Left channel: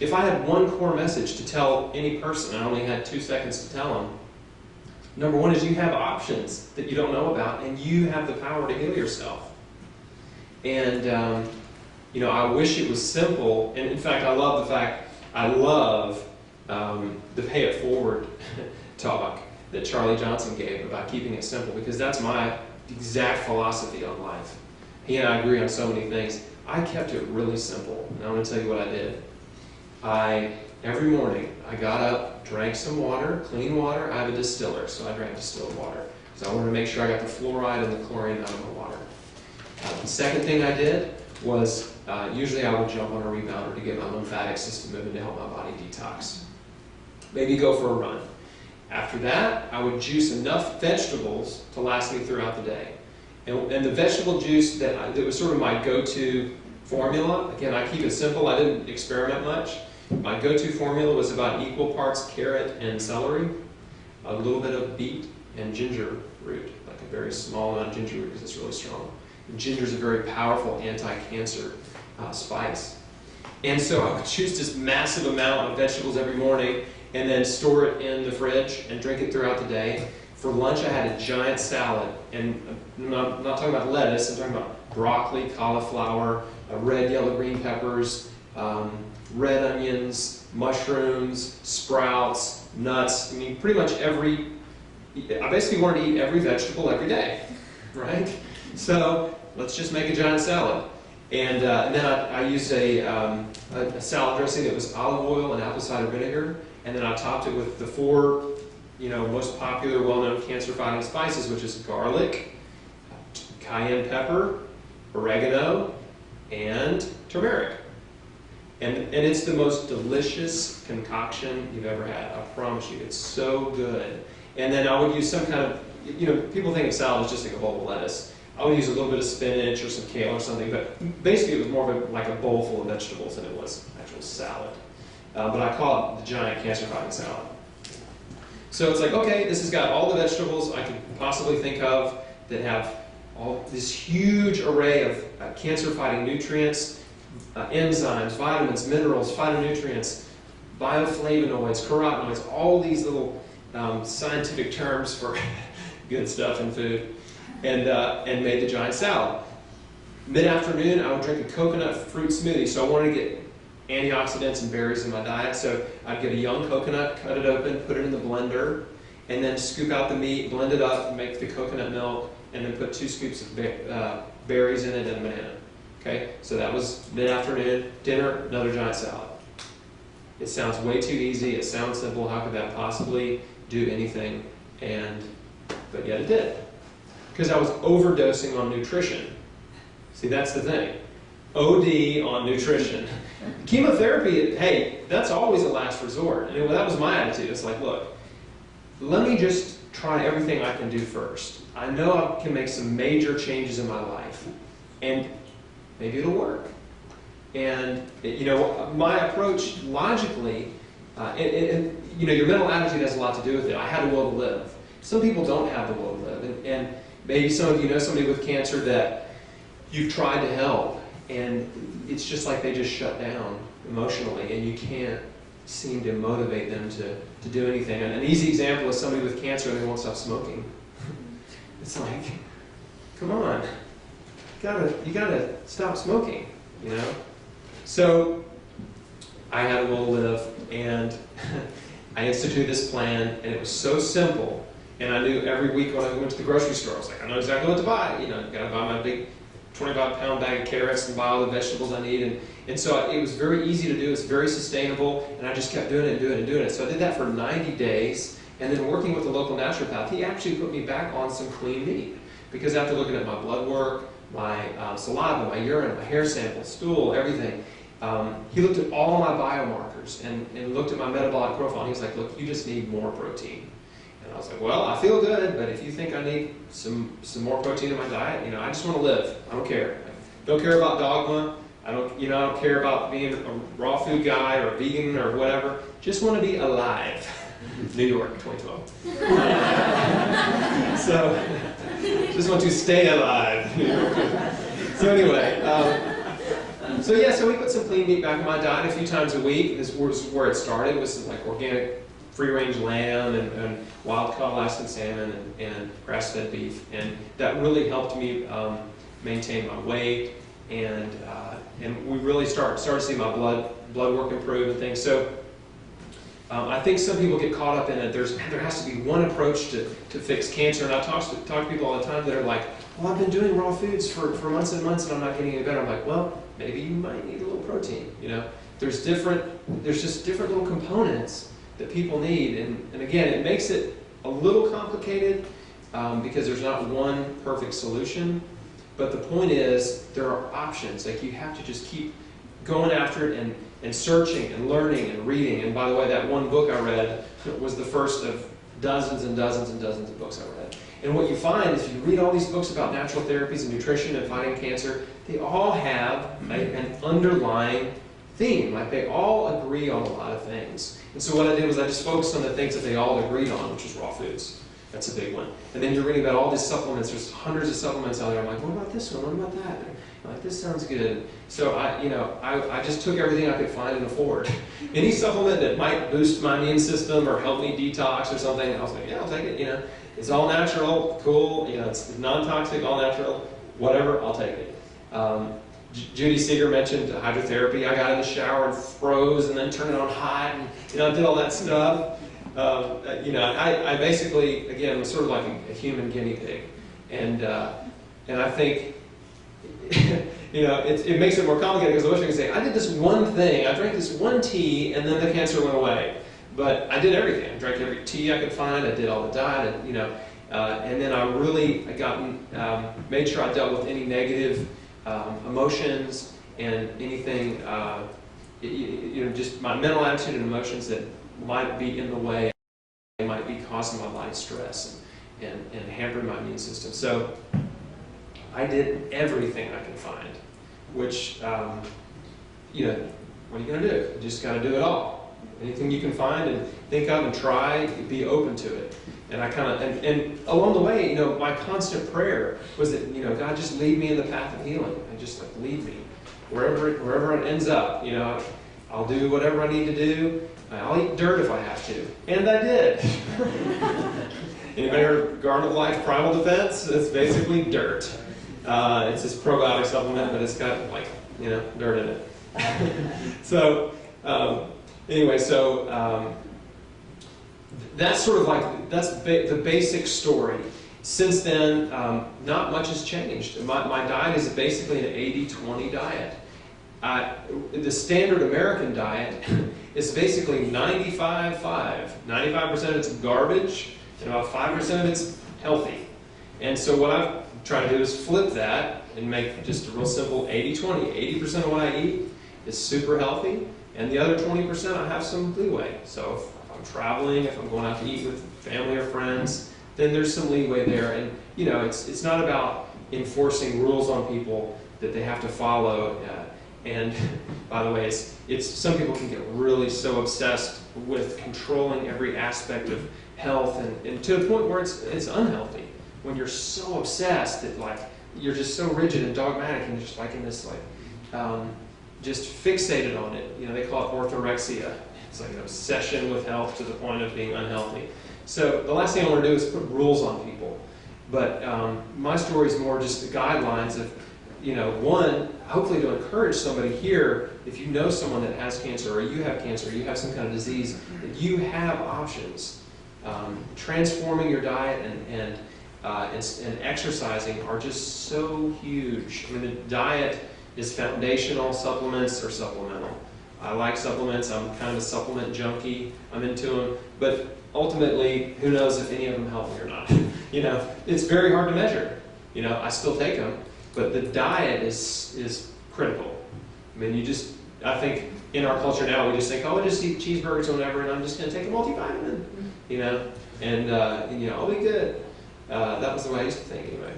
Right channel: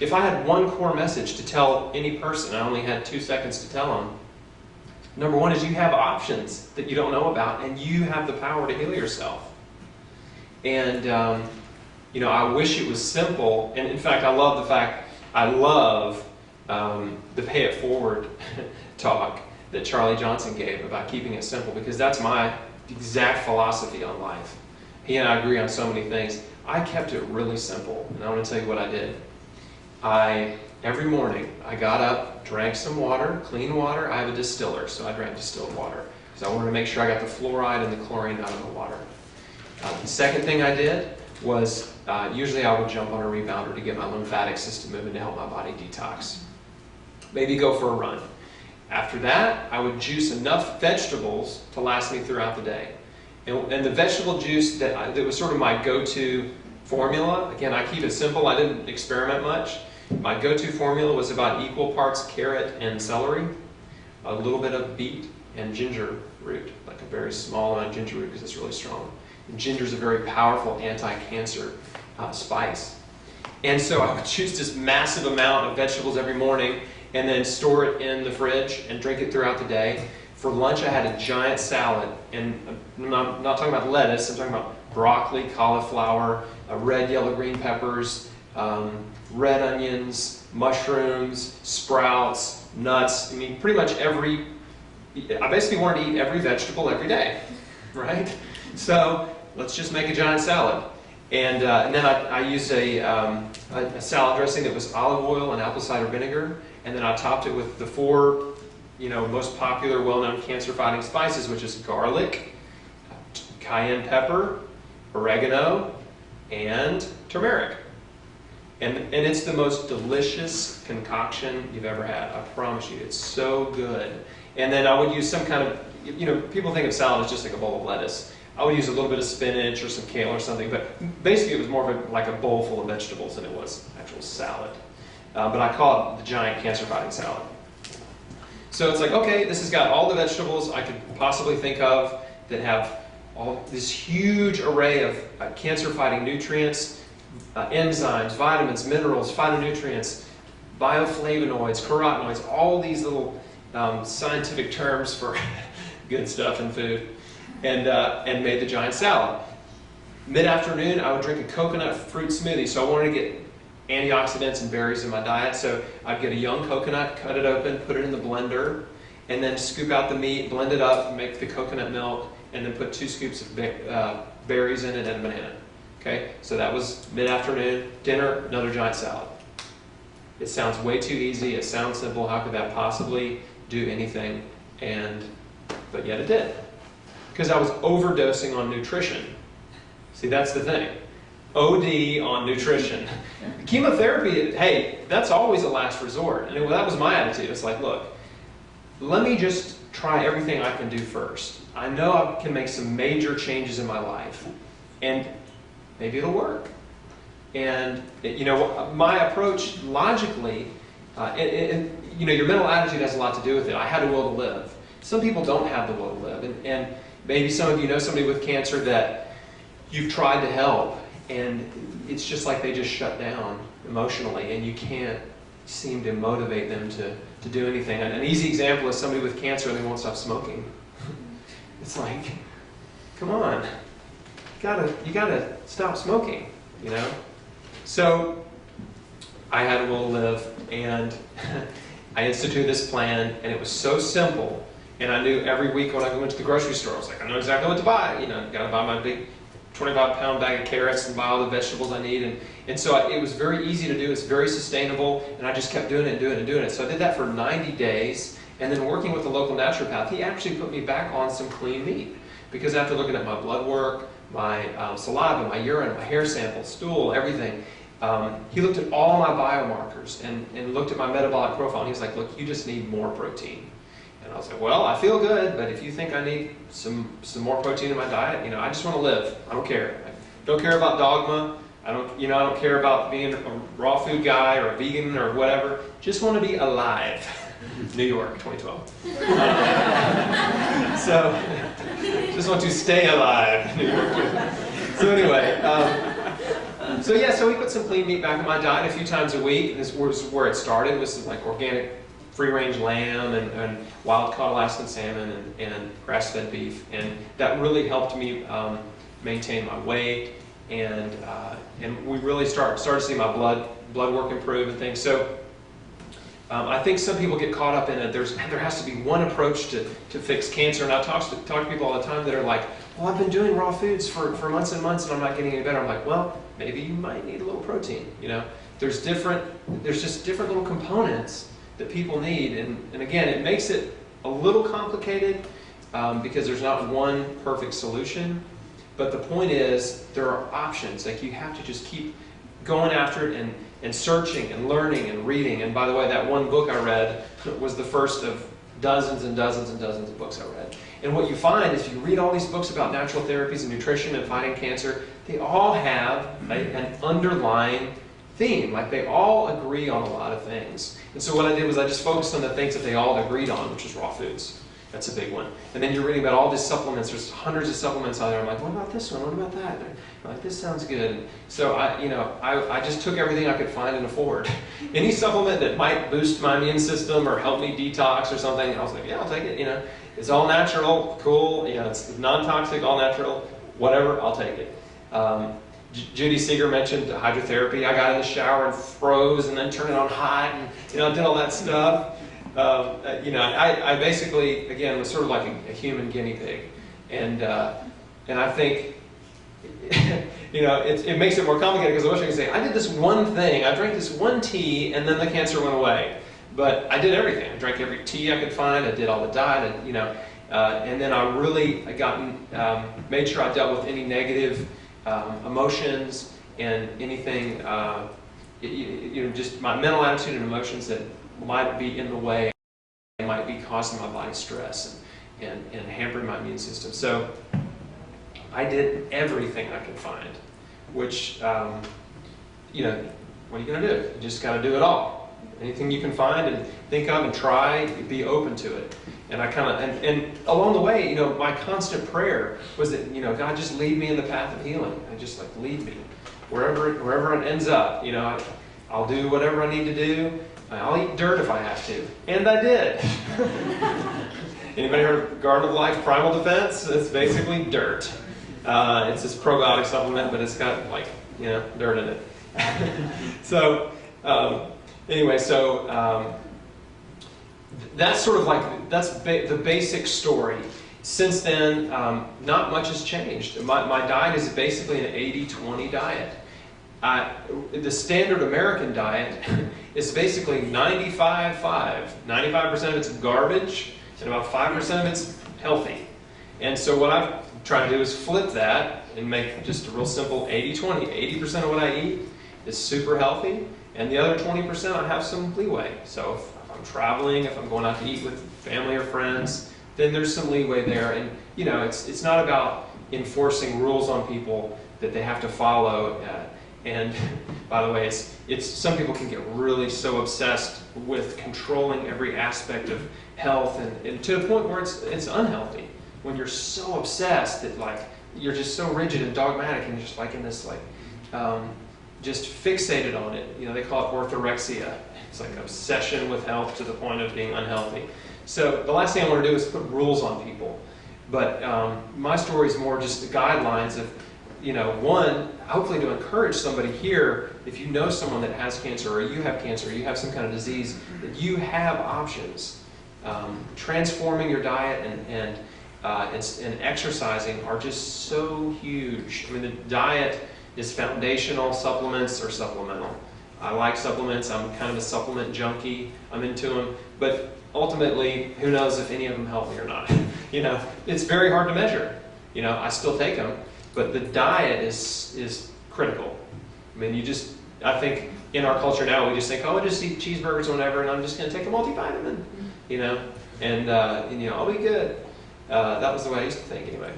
if I had one core message to tell any person, I only had 2 seconds to tell them. Number one is you have options that you don't know about, and you have the power to heal yourself. And I wish it was simple. And in fact, I love the pay it forward talk that Charlie Johnson gave about keeping it simple, because that's my exact philosophy on life. He and I agree on so many things. I kept it really simple, and I want to tell you what I did. Every morning, I got up, drank some water, clean water. I have a distiller, so I drank distilled water, because I wanted to make sure I got the fluoride and the chlorine out of my water. The second thing I did was, usually I would jump on a rebounder to get my lymphatic system moving to help my body detox. Maybe go for a run. After that, I would juice enough vegetables to last me throughout the day. And the vegetable juice that was sort of my go-to formula, again, I keep it simple, I didn't experiment much. My go-to formula was about equal parts carrot and celery, a little bit of beet and ginger root, like a very small amount of ginger root because it's really strong. Ginger is a very powerful anti-cancer spice. And so I would choose this massive amount of vegetables every morning and then store it in the fridge and drink it throughout the day. For lunch, I had a giant salad. And I'm not talking about lettuce, I'm talking about broccoli, cauliflower, red, yellow, green peppers, red onions, mushrooms, sprouts, nuts. I mean, pretty much I basically wanted to eat every vegetable every day, right? So let's just make a giant salad. And then I used a salad dressing that was olive oil and apple cider vinegar, and then I topped it with the 4 most popular, well-known cancer-fighting spices, which is garlic, cayenne pepper, oregano, and turmeric. And it's the most delicious concoction you've ever had. I promise you, it's so good. And then I would use some kind of, people think of salad as just like a bowl of lettuce. I would use a little bit of spinach or some kale or something, but basically it was more of like a bowl full of vegetables than it was actual salad. But I call it the giant cancer-fighting salad. So it's like, okay, this has got all the vegetables I could possibly think of that have all this huge array of cancer-fighting nutrients, enzymes, vitamins, minerals, phytonutrients, bioflavonoids, carotenoids, all these little scientific terms for good stuff in food, and made the giant salad. Mid-afternoon, I would drink a coconut fruit smoothie, so I wanted to get antioxidants and berries in my diet, so I'd get a young coconut, cut it open, put it in the blender, and then scoop out the meat, blend it up, make the coconut milk, and then put 2 scoops of berries in it and a banana. Okay, so that was mid-afternoon. Dinner, another giant salad. It sounds way too easy, it sounds simple, how could that possibly do anything? But yet it did. Because I was overdosing on nutrition. See, that's the thing. OD on nutrition. Chemotherapy, hey, that's always a last resort. And that was my attitude. It's like, look, let me just try everything I can do first. I know I can make some major changes in my life, and maybe it'll work. And my approach logically, your mental attitude has a lot to do with it. I had a will to live. Some people don't have the will to live, and maybe some of you know somebody with cancer that you've tried to help, and it's just like they just shut down emotionally, and you can't seem to motivate them to do anything. And an easy example is somebody with cancer and they won't stop smoking. It's like, come on, you gotta stop smoking, So I had a will to live, and I instituted this plan, and it was so simple. And I knew every week when I went to the grocery store, I was like, I know exactly what to buy. Got to buy my big 25-pound bag of carrots and buy all the vegetables I need. And so it was very easy to do. It's very sustainable. And I just kept doing it and doing it and doing it. So I did that for 90 days. And then working with the local naturopath, he actually put me back on some clean meat. Because after looking at my blood work, my saliva, my urine, my hair sample, stool, everything, he looked at all my biomarkers and looked at my metabolic profile. And he was like, look, you just need more protein. And I was like, well, I feel good, but if you think I need some more protein in my diet, I just want to live. I don't care. I don't care about dogma. I don't care about being a raw food guy or a vegan or whatever. Just want to be alive. New York, 2012. So, just want to stay alive. New York. So anyway, So yeah, so we put some clean meat back in my diet a few times a week. This was where it started, with some like organic free-range lamb and wild-caught Alaskan salmon and grass-fed beef, and that really helped me maintain my weight, and we really started to see my blood work improve and things. So I think some people get caught up in it. There has to be one approach to fix cancer, and I talk to people all the time that are like, well, I've been doing raw foods for months and months and I'm not getting any better. I'm like, well, maybe you might need a little protein. You know, there's just different little components that people need, and again, it makes it a little complicated because there's not one perfect solution. But the point is, there are options. Like, you have to just keep going after it and searching and learning and reading. And by the way, that one book I read was the first of dozens and dozens and dozens of books I read. And what you find is, you read all these books about natural therapies and nutrition and fighting cancer, they all have an underlying theme. Like, they all agree on a lot of things. And so what I did was I just focused on the things that they all agreed on, which is raw foods. That's a big one. And then you're reading about all these supplements. There's hundreds of supplements out there. I'm like, what about this one? What about that? I'm like, this sounds good. So I just took everything I could find and afford. Any supplement that might boost my immune system or help me detox or something, I was like, yeah, I'll take it. You know, it's all natural, cool. You know, it's non-toxic, all natural, whatever. I'll take it. Judy Seeger mentioned hydrotherapy. I got in the shower and froze, and then turned it on hot, and did all that stuff. I basically, again, was sort of like a human guinea pig, and I think it makes it more complicated, because I wish I could say I did this one thing, I drank this one tea, and then the cancer went away. But I did everything. I drank every tea I could find. I did all the diet, and then I made sure I dealt with any negative emotions and anything, just my mental attitude and emotions that might be in the way, might be causing my body stress and hampering my immune system. So I did everything I could find, which, what are you going to do? You just got to do it all. Anything you can find and think of and try, be open to it. And I and along the way, my constant prayer was that, God, just lead me in the path of healing. And just lead me wherever it ends up. I'll do whatever I need to do. I'll eat dirt if I have to. And I did. Anybody heard of Garden of Life Primal Defense? It's basically dirt. It's this probiotic supplement, but it's got dirt in it. So anyway, that's sort of the basic story. Since then, not much has changed. My diet is basically an 80-20 diet. The standard American diet is basically 95-5. 95% of it's garbage, and about 5% of it's healthy. And so what I've tried to do is flip that and make just a real simple 80-20. 80% of what I eat is super healthy, and the other 20% I have some leeway. So if I'm traveling, if I'm going out to eat with family or friends, then there's some leeway there. And it's not about enforcing rules on people that they have to follow. And by the way, it's some people can get really so obsessed with controlling every aspect of health, and to the point where it's unhealthy. When you're so obsessed that you're just so rigid and dogmatic, and just in this just fixated on it. They call it orthorexia. It's like an obsession with health to the point of being unhealthy. So the last thing I want to do is put rules on people. But my story is more just the guidelines of, one, hopefully to encourage somebody here, if you know someone that has cancer, or you have cancer, or you have some kind of disease, that you have options. Transforming your diet and exercising are just so huge. I mean, the diet is foundational, supplements are supplemental. I like supplements, I'm kind of a supplement junkie, I'm into them, but ultimately, who knows if any of them help me or not. It's very hard to measure. I still take them, but the diet is critical. I mean, I think in our culture now, we just think, oh, I just eat cheeseburgers or whatever, and I'm just going to take a multivitamin, and I'll be good. That was the way I used to think anyway.